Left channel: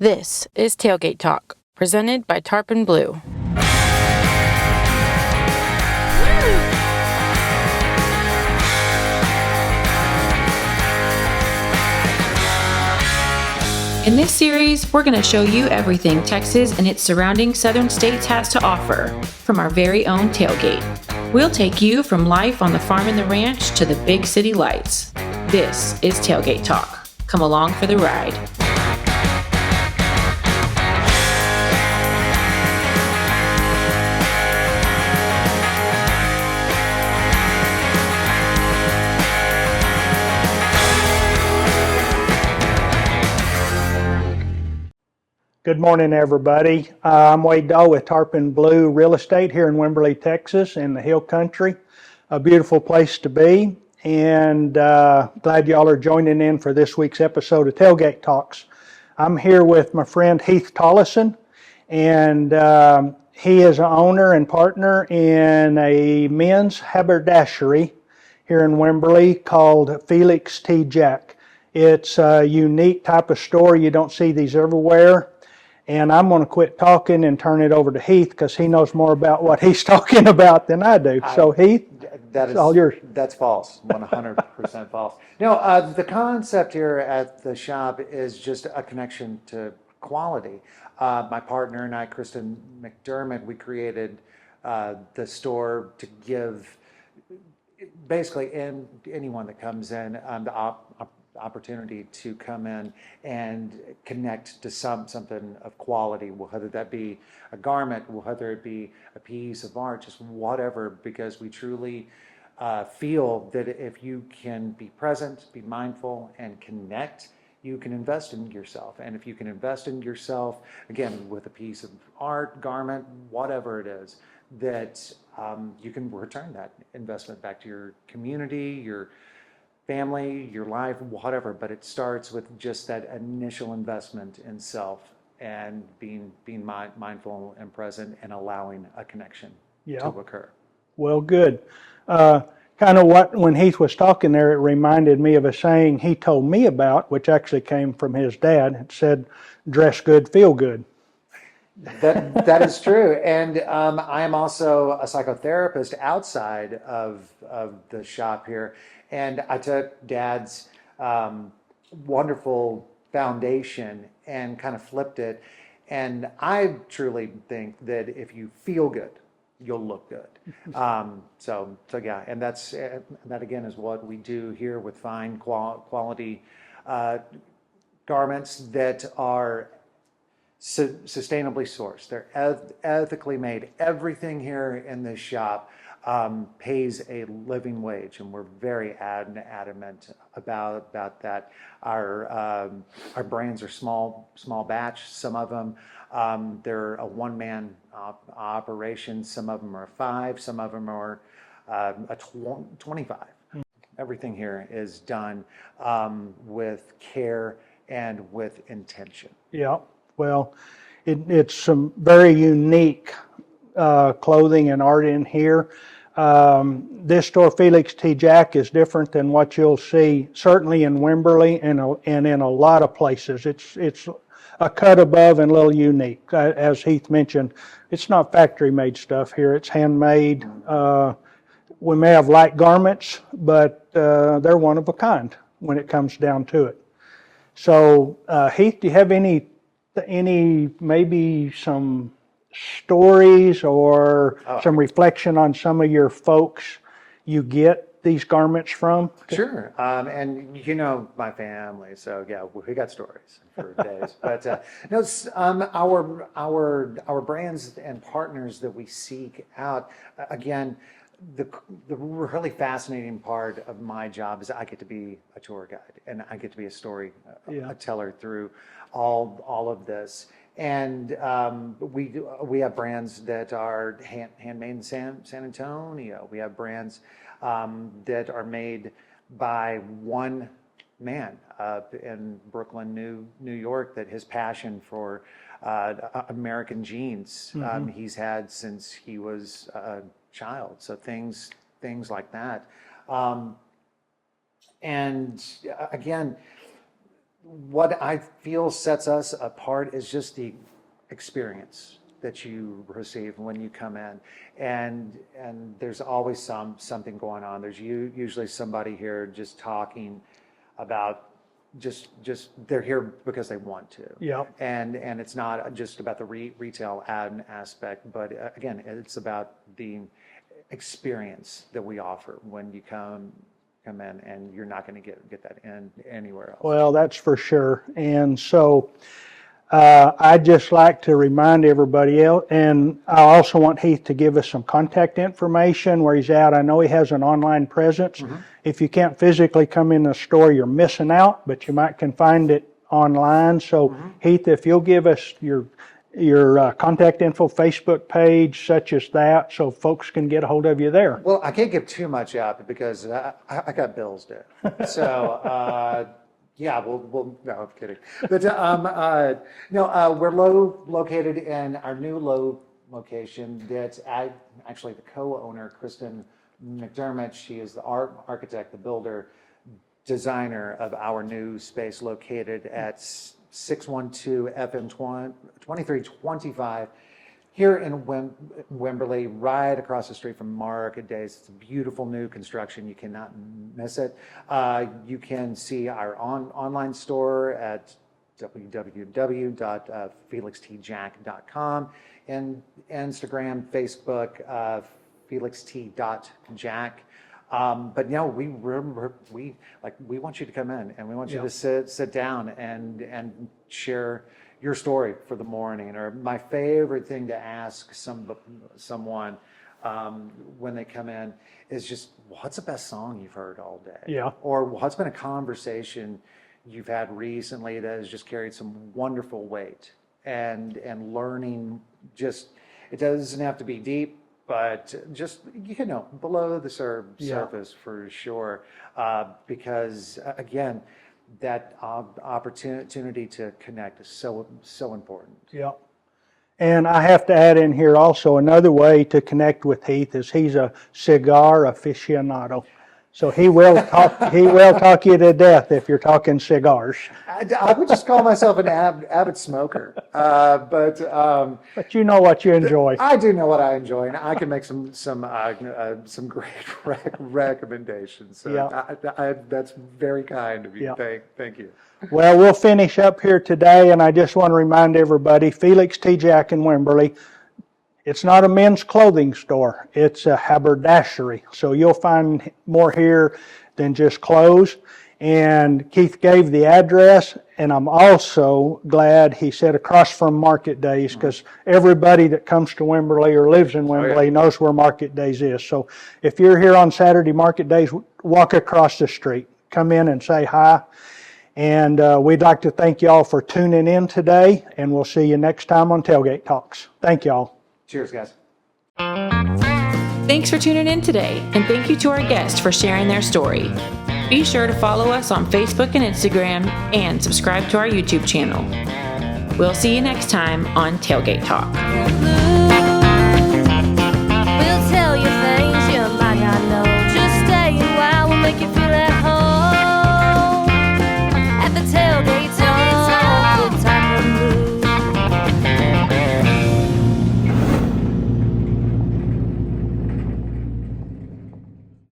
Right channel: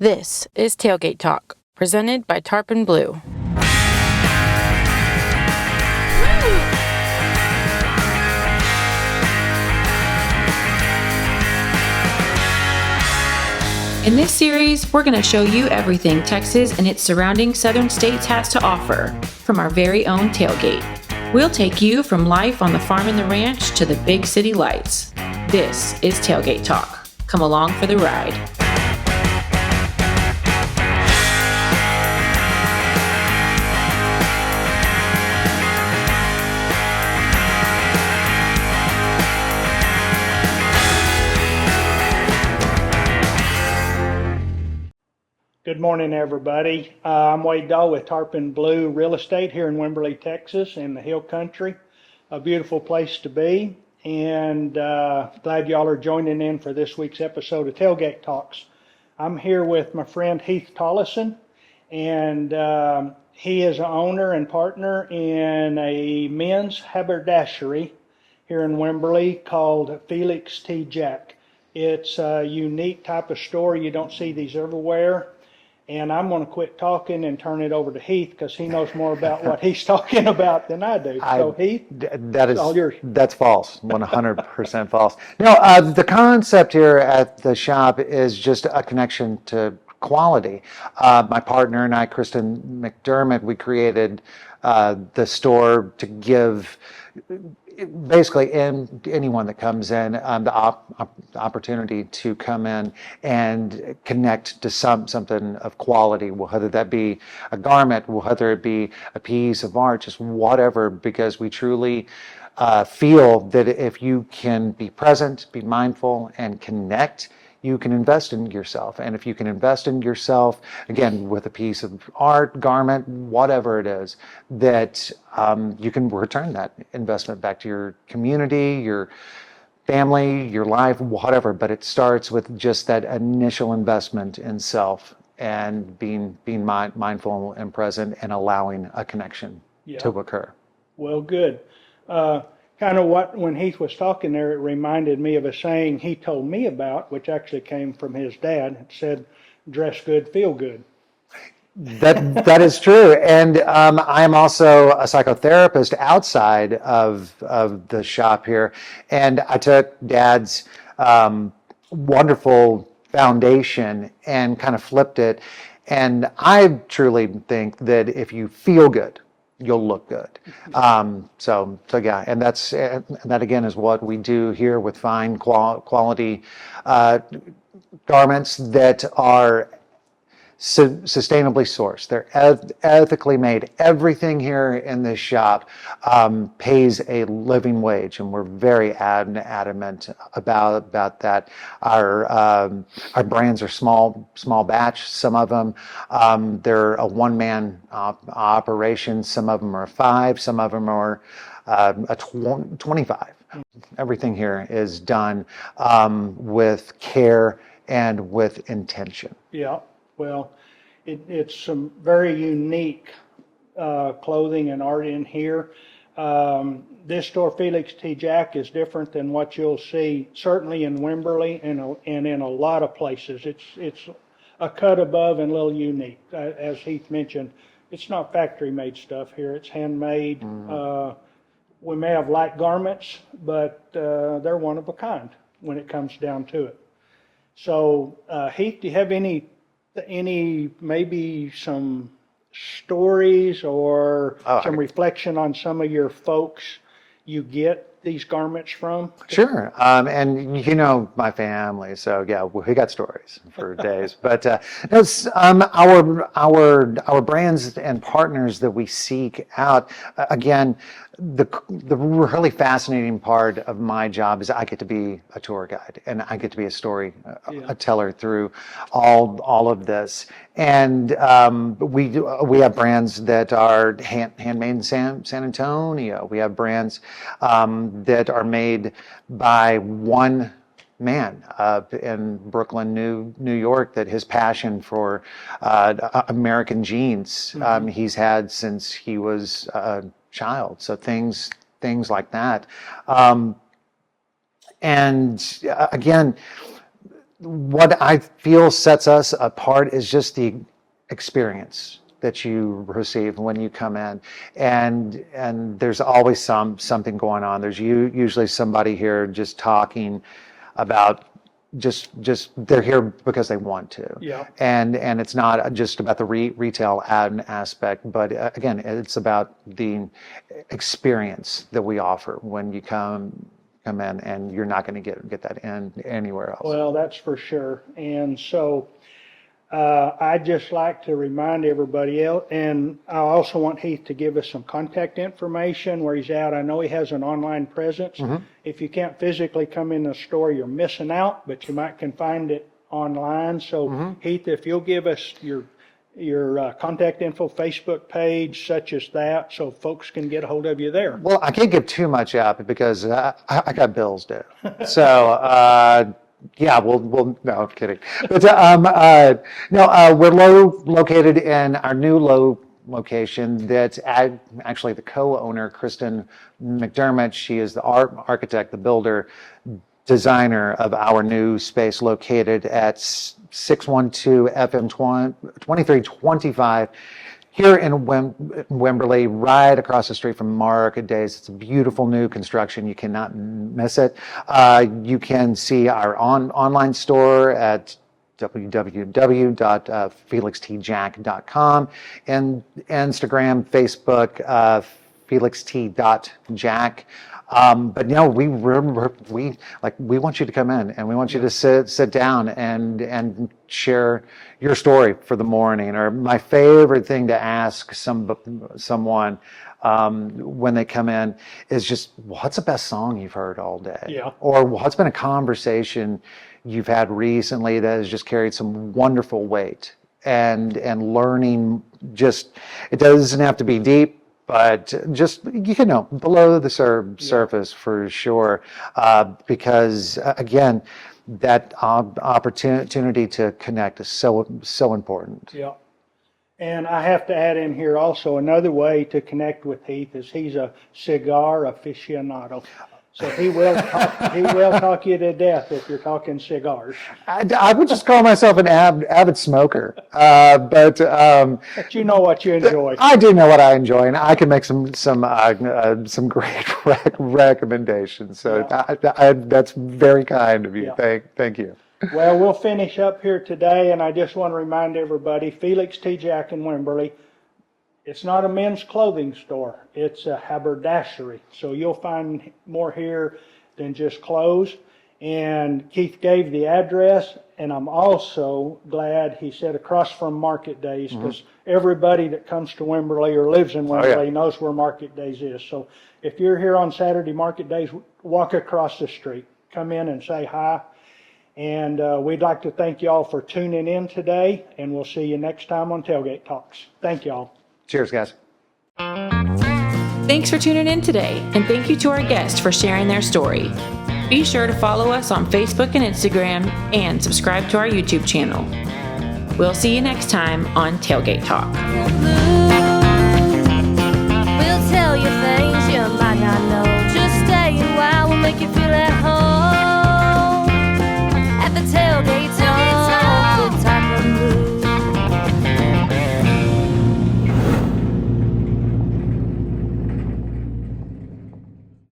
This is Tailgate Talk, presented by Tarpon Blue. In this series, we're going to show you everything Texas and its surrounding southern states has to offer from our very own tailgate. We'll take you from life on the farm and the ranch to the big city lights. This is Tailgate Talk. Come along for the ride. Good morning, everybody. I'm Wade Dahl with Tarpon Blue Real Estate here in Wimberley, Texas, in the Hill Country. A beautiful place to be, and glad y'all are joining in for this week's episode of Tailgate Talks. I'm here with my friend Heath Tolleson, and he is an owner and partner in a men's haberdashery here in Wimberley called Felix T. It's a unique type of store. You don't see these everywhere. And I'm going to quit talking and turn it over to Heath because he knows more about what he's talking about than I do. So Heath, all yours. That's false, 100% false. No, the concept here at the shop is just a connection to quality. My partner and I, Kristen McDermott, we created the store to give basically anyone that comes in the opportunity to come in and connect to something of quality, whether that be a garment, whether it be a piece of art, just whatever, because we truly feel that if you can be present, be mindful, and connect, you can invest in yourself. And if you can invest in yourself, again, with a piece of art, garment, whatever it is, that you can return that investment back to your community, your family, your life, whatever. But it starts with just that initial investment in self and being mindful and present and allowing a connection to occur. Well, good. Kind of when Heath was talking there, it reminded me of a saying he told me about, which actually came from his dad. It said, dress good, feel good. That is true. And I am also a psychotherapist outside of the shop here. And I took Dad's wonderful foundation and kind of flipped it. And I truly think that if you feel good, you'll look good. So yeah, and that again is what we do here with fine quality garments that are sustainably sourced. They're ethically made. Everything here in this shop pays a living wage, and we're very adamant about that. Our brands are small batch. Some of them they're a one-man operation. Some of them are 5. Some of them are 25. Everything here is done with care and with intention. Yeah. Well, it's some very unique clothing and art in here. This store, Felix T. Jack, is different than what you'll see certainly in Wimberley and in a lot of places. It's a cut above and a little unique. As Heath mentioned, it's not factory-made stuff here. It's handmade. We may have light garments, but they're one of a kind when it comes down to it. So, Heath, do you have any maybe some stories or some reflection on some of your folks you get these garments from? Sure. And you know my family, so yeah, we got stories for days. But our brands and partners that we seek out, again, the really fascinating part of my job is I get to be a tour guide and I get to be a story a teller through all of this. And we have brands that are handmade in San Antonio. We have brands that are made by one man up in Brooklyn, New York, that his passion for American jeans he's had since he was a child. So things like that. And again, what I feel sets us apart is just the experience that you receive when you come in, and there's always something going on. There's usually somebody here just talking about just they're here because they want to. Yeah. And it's not just about the retail aspect, but again, it's about the experience that we offer when you come in, and you're not going to get that anywhere else. Well, that's for sure. And so I'd just like to remind everybody else, and I also want Heath to give us some contact information where he's at. I know he has an online presence. If you can't physically come in the store, you're missing out, but you can find it online. So Heath, if you'll give us your contact info, Facebook page, such as that, so folks can get a hold of you there. Well, I can't give too much out because I got bills due. So, yeah, we'll no, I'm kidding. But no, we're located in our new location that's actually the co-owner, Kristen McDermott. She is the architect, the builder, designer of our new space located at 612 FM 2325 here in Wimberley, right across the street from Market Days. It's a beautiful new construction. You cannot miss it. You can see our online store at www.felixtjack.com, and Instagram, Facebook, felixt.jack. But we want you to come in, and we want you to sit down and share your story for the morning. Or my favorite thing to ask someone when they come in is just, what's the best song you've heard all day? Yeah. Or what's been a conversation you've had recently that has just carried some wonderful weight, and learning. Just, it doesn't have to be deep, but just, below the surface for sure. Because again, that opportunity to connect is so important. Yeah. And I have to add in here also, another way to connect with Heath is he's a cigar aficionado. So he will talk you to death if you're talking cigars. I would just call myself an avid smoker, but you know what you enjoy. I do know what I enjoy, and I can make some great recommendations. So Yeah. that's very kind of you. Yeah. Thank you. Well, we'll finish up here today, and I just want to remind everybody, Felix T. Jack in Wimberley. It's not a men's clothing store. It's a haberdashery. So you'll find more here than just clothes. And Keith gave the address, and I'm also glad he said across from Market Days, because everybody that comes to Wimberley or lives in Wimberley knows where Market Days is. So if you're here on Saturday Market Days, walk across the street. Come in and say hi. And we'd like to thank y'all for tuning in today, and we'll see you next time on Tailgate Talks. Thank y'all. Cheers, guys. Thanks for tuning in today, and thank you to our guests for sharing their story. Be sure to follow us on Facebook and Instagram, and subscribe to our YouTube channel. We'll see you next time on Tailgate Talk. We'll tell you things